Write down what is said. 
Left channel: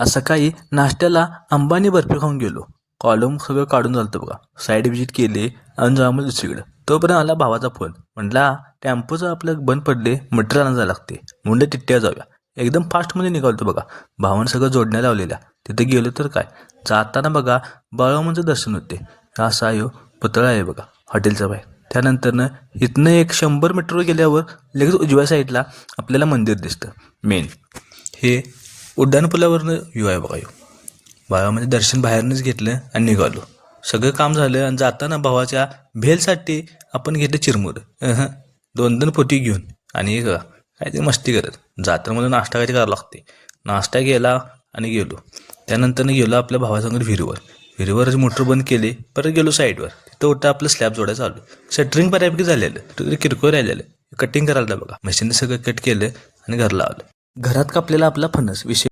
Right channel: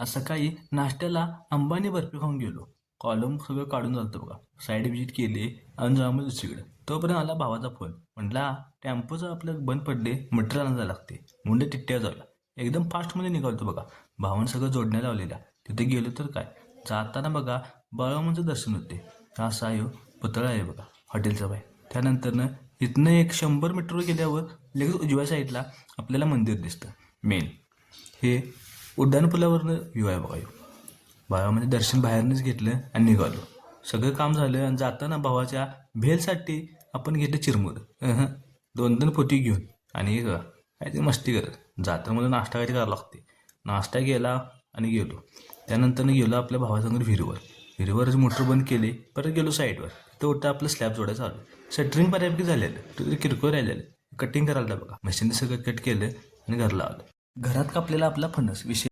आज सकाळी नाश्त्याला अंबानी बर्फी खाऊन गेलो. कॉलम सगळं काढून झालं बघा. साईड विजिट केली आणि जाऊ मग दुसरीकडं. तोपर्यंत आला भावाचा फोन. म्हटला टेम्पोचं आपलं बंद पडले, मटेरियल आणायला लागते. म्हणलं टिट्ट्या जाऊया. एकदम फास्टमध्ये निघालतो बघा. भावानं सगळं जोडण्या लावलेल्या. तिथे गेलो तर काय, जाताना बघा बाळूमामाचं दर्शन होते. असा यो पुतळा आहे बघा हॉटेलचा बाहेर. त्यानंतरनं इथनं एक 100 मीटरवर गेल्यावर लगेच उजव्या साईडला आपल्याला मंदिर दिसतं मेन. हे उड्डाणपुलावरनं व्ह्यू आहे बघा. बाळामध्ये दर्शन बाहेरनंच घेतलं आणि निघालो. सगळं काम झालं आणि जाताना भावाच्या भेलसाठी आपण घेतलं चिरमुरं. 2-2 पोती घेऊन आणि काय ते मस्ती करत जाताना मला नाश्ता काय करावं लागते. नाश्ता केला आणि गेलो. त्यानंतरनं गेलो आपल्या भावासंगत विहिरीवर. विहिरीवरच मोटर बंद केली. परत गेलो साईडवर. तिथं उठं आपलं स्लॅब जोडायचं चालू. शटरिंग बऱ्यापैकी झालेलं, तर किरकोळ राहिलेलं. कटिंग करायला बघा. मशीनने सगळं कट केलं आणि घरला आलं. घरात कापलेला आपला फणस विषय